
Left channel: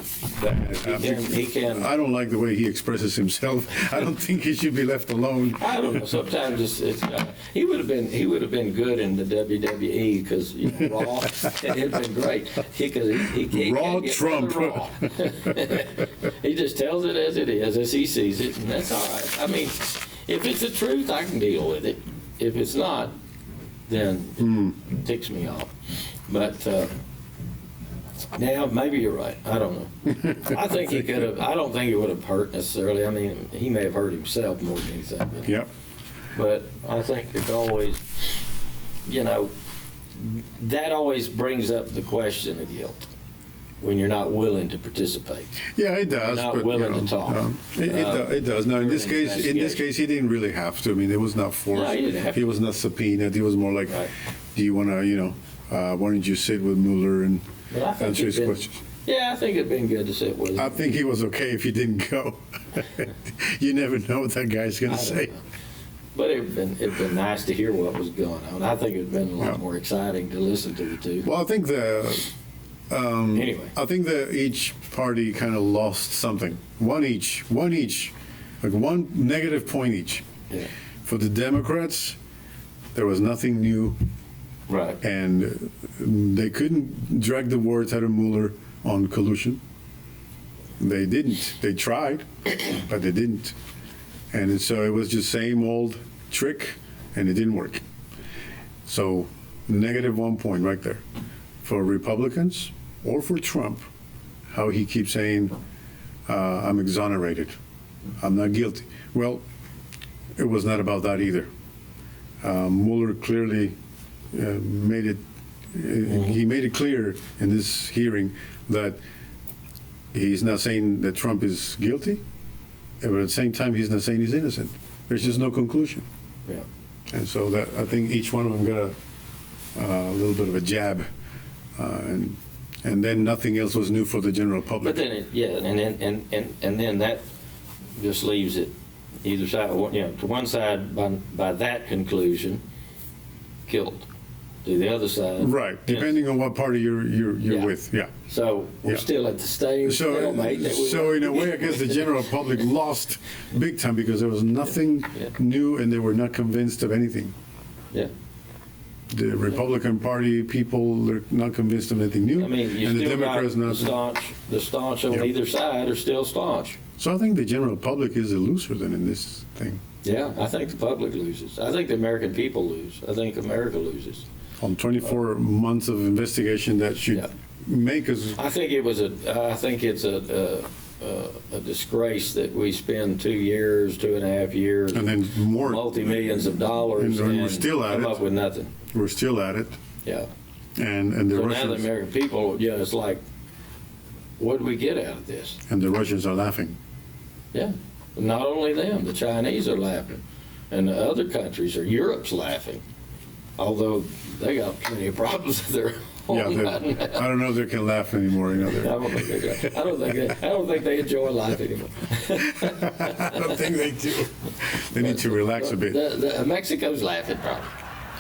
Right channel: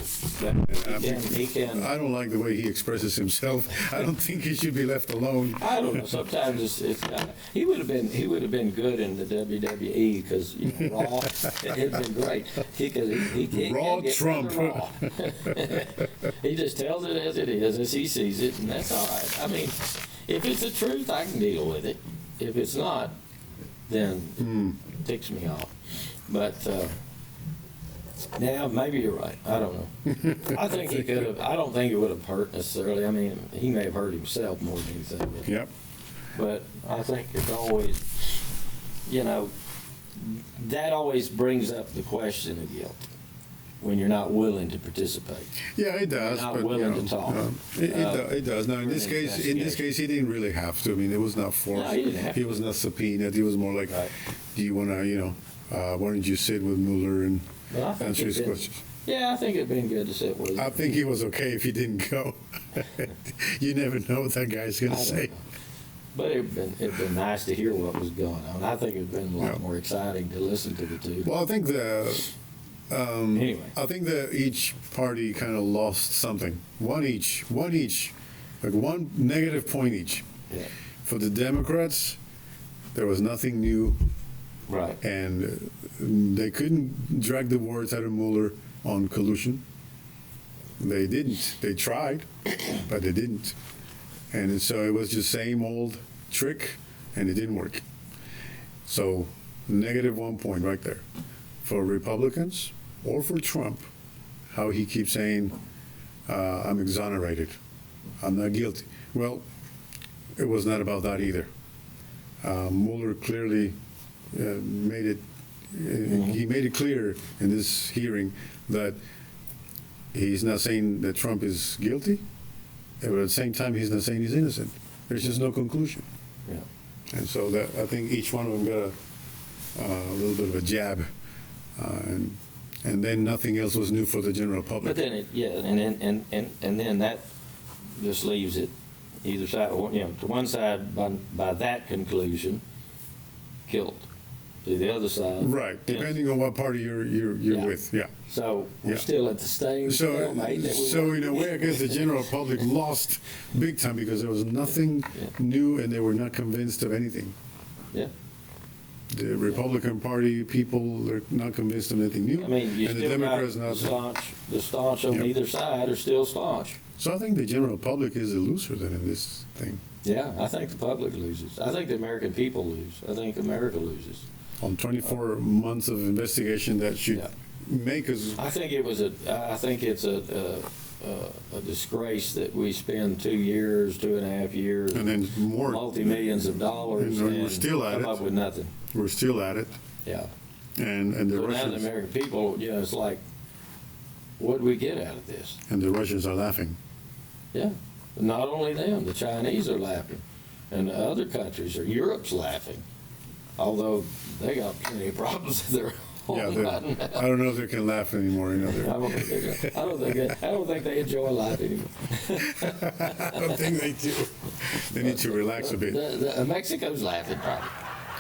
He can. I don't like the way he expresses himself. I don't think he should be left alone. I don't know. Sometimes he would have been good in the WWE because Raw. It'd been great. He Raw Trump. Raw. He just tells it as it is, as he sees it, and that's all right. I mean, if it's the truth, I can deal with it. If it's not, then it ticks me off. But yeah, maybe you're right. I don't know. I think he could have. I don't think it would have hurt necessarily. I mean, he may have hurt himself more than anything. Yep. But I think it's always, that always brings up the question of guilt. When you're not willing to participate. Yeah, it does. You're not willing to talk. It does. Now, in this case, he didn't really have to. I mean, it was not forced. No, he didn't have to. He was not subpoenaed. He was more like, do you want to, why don't you sit with Mueller and answer his questions? Yeah, I think it'd been good to sit with him. I think he was okay if he didn't go. You never know what that guy's going to say. But it'd been nice to hear what was going on. I think it'd been a lot more exciting to listen to the two. Well, I think anyway, I think that each party kind of lost something. One each, like one negative point each. Yeah. For the Democrats, there was nothing new. Right. And they couldn't drag the words out of Mueller on collusion. They didn't. They tried, but they didn't. And so it was just same old trick, and it didn't work. So negative 1 point right there. For Republicans or for Trump, how he keeps saying, I'm exonerated, I'm not guilty. Well, it was not about that either. Mueller clearly made it, he made it clear in this hearing that he's not saying that Trump is guilty, but at the same time, he's not saying he's innocent. There's just no conclusion. Yeah. And so that I think each one of them got a little bit of a jab. And then nothing else was new for the general public. But then and then that just leaves it either side. To one side by that conclusion, guilt. To the other side, right? Depending on what party you're with, yeah. So we're still at the same stalemate. So in a way, I guess the general public lost big time because there was nothing new, and they were not convinced of anything. Yeah. The Republican Party people are not convinced of anything new, I mean, and the Democrats not. The staunch on either side are still staunch. So I think the general public is a loser then in this thing. Yeah, I think the public loses. I think the American people lose. I think America loses. on 24 months of investigation that should make us. I think it's a disgrace that we spend 2 years, 2.5 years, And then more. multi-millions of dollars, And we're still at come it. up with nothing. We're still at it. Yeah. And the So now the Russians. American people, it's like, what do we get out of this? And the Russians are laughing. Yeah. Not only them, the Chinese are laughing, and the other countries, or Europe's laughing, although they got plenty of problems that they're Yeah, I don't know if they can laugh anymore. I don't think they do. I don't think they enjoy life anymore. I don't think they do. They need to relax a bit. Mexico's laughing, probably.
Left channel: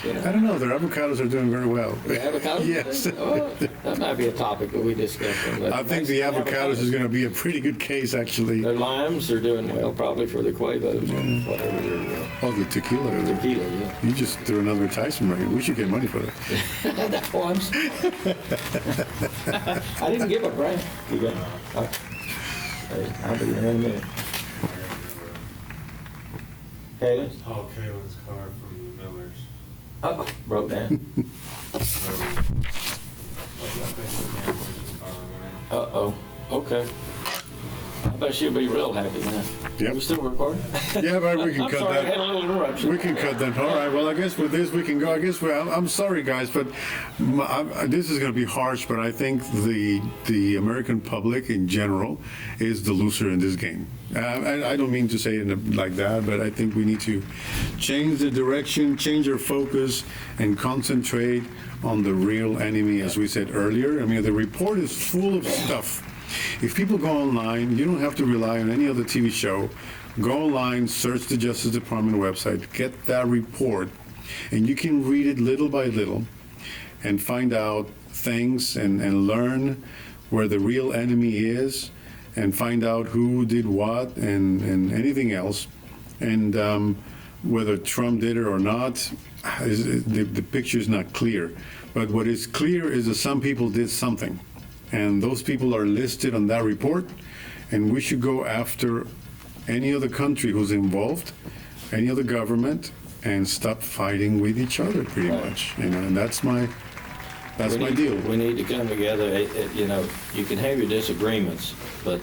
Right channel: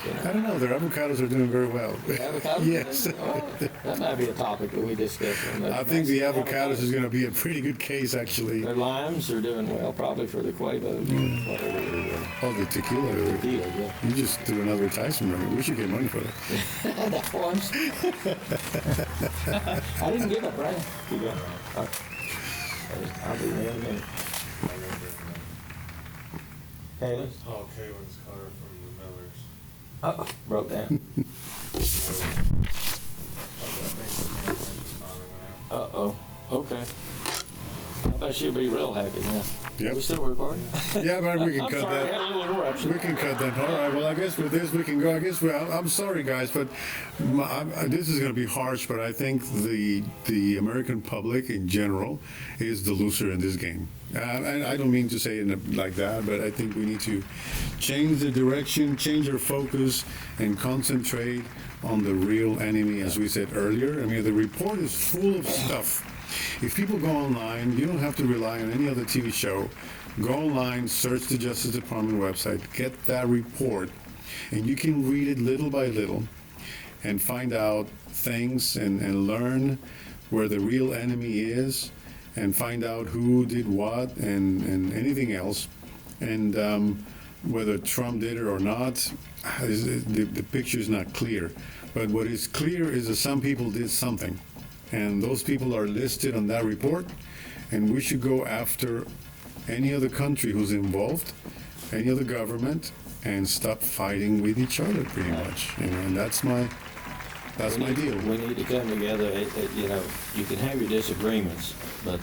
I don't know. Their avocados are doing very well. The avocados? Yes. Oh, that might be a topic that we discuss. I think the avocados is going to be a pretty good case, actually. Their limes are doing well, probably for the Quavos or whatever they're. Oh, the tequila. Tequila, yeah. You just threw another advertisement money. We should get money for that. That's what I'm saying. I didn't give a brand. You got. I'll be there in a minute. Kaylin? Oh, Kaylin's car from the Millers. Oh, broke down. Uh-oh. Okay. I bet she'll be real happy now. Yep. We still recording? Yeah, but we can I'm cut sorry, I that. had a little interruption. We can cut that. All right. Well, I guess with this we can go. I guess. Well, I'm sorry, guys, but this is going to be harsh. But I think the American public in general is the loser in this game. And I don't mean to say it like that, but I think we need to change the direction, change our focus, and concentrate on the real enemy, as we said earlier. I mean, the report is full of stuff. If people go online, you don't have to rely on any other TV show. Go online, search the Justice Department website, get that report, and you can read it little by little and find out things and learn where the real enemy is and find out who did what and anything else. And whether Trump did it or not, the picture is not clear. But what is clear is that some people did something. And those people are listed on that report, and we should go after any other country who's involved, any other government, and stop fighting with each other, pretty much. And that's my deal. We need to come together. You can have your disagreements, but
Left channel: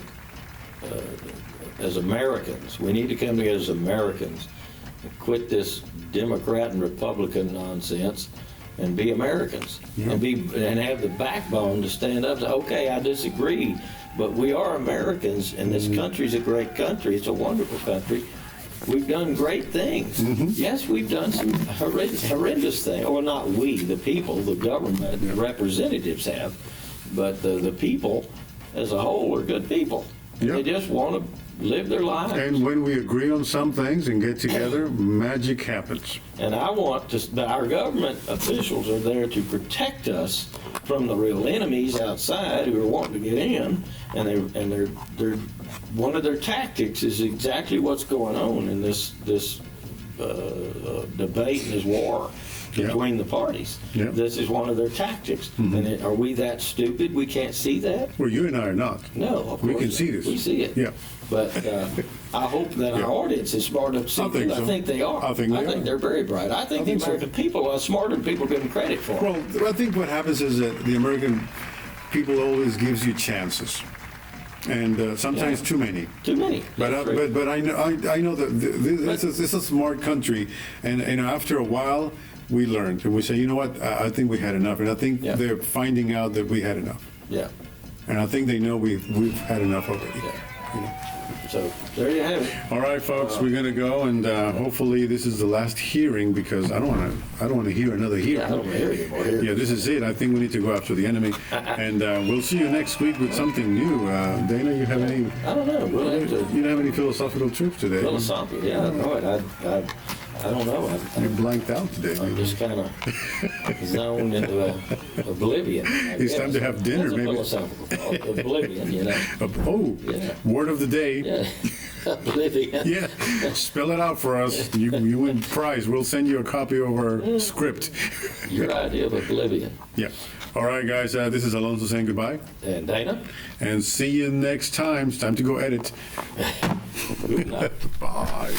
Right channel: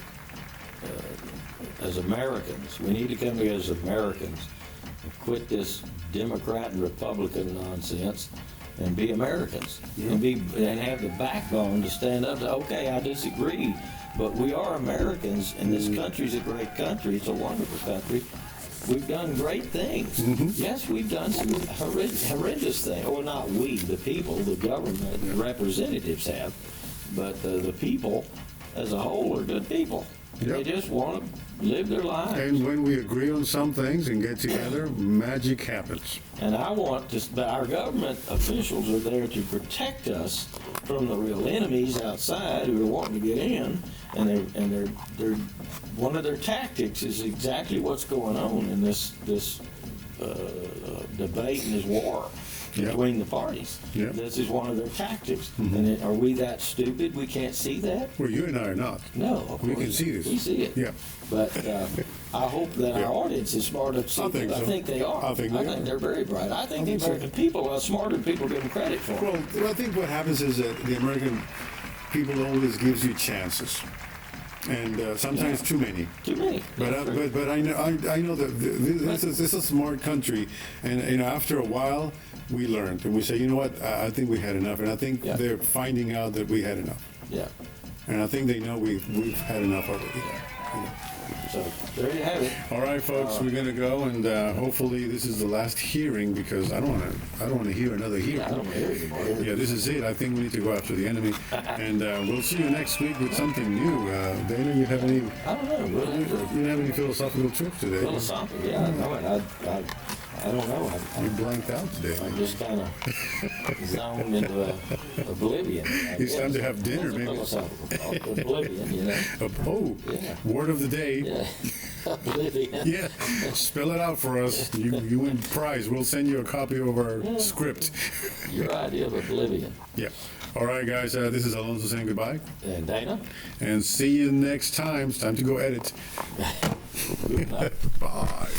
as Americans, we need to come together as Americans, quit this Democrat and Republican nonsense, and be Americans, and have the backbone to stand up to, okay, I disagree, but we are Americans, and this country's a great country. It's a wonderful country. We've done great things. Mm-hmm. Yes, we've done some horrendous things. Or not we, the people, the government, the representatives have, but the people as a whole are good people. Yep. They just want to live their lives. And when we agree on some things and get together, magic happens. And I want to, our government officials are there to protect us from the real enemies outside who are wanting to get in, and they're one of their tactics is exactly what's going on in this debate and this war between the parties. Yep. This is one of their tactics. Mm-hmm. And are we that stupid we can't see that? Well, you and I are not. No, we can see this. We see it. Yeah. But I hope that our audience is smart enough to see it. I think they are. I think they're very bright. I think the American people are smarter than people give them credit for. Well, I think what happens is that the American people always gives you chances. And sometimes too many. Too many. But I know that this is a smart country, and after a while we learned and we say, you know what, I think we had enough, and I think they're finding out that we had enough. Yeah. And I think they know we've had enough already. Yeah. So there you have it. All right, folks, we're gonna go, and hopefully this is the last hearing, because I don't want to hear another hearing. I don't want to hear anymore. Yeah, this is it. I think we need to go after the enemy, and we'll see you next week with something new. Dana, you have any? I don't know. We'll have to. You don't have any philosophical truth today? Philosophical? Yeah, I know it. I don't know. You're blanked out today. I'm just kind of zoned into oblivion. It's time to have dinner, maybe. Philosophical oblivion, you know. Oh, word of the day. Yeah. Oblivion. Yeah, spell it out for us. You win prize. We'll send you a copy of our script. Your idea of oblivion. Yeah. All right, guys. This is Alonso saying goodbye. And Dana. And see you next time. It's time to go edit. Good night. Bye.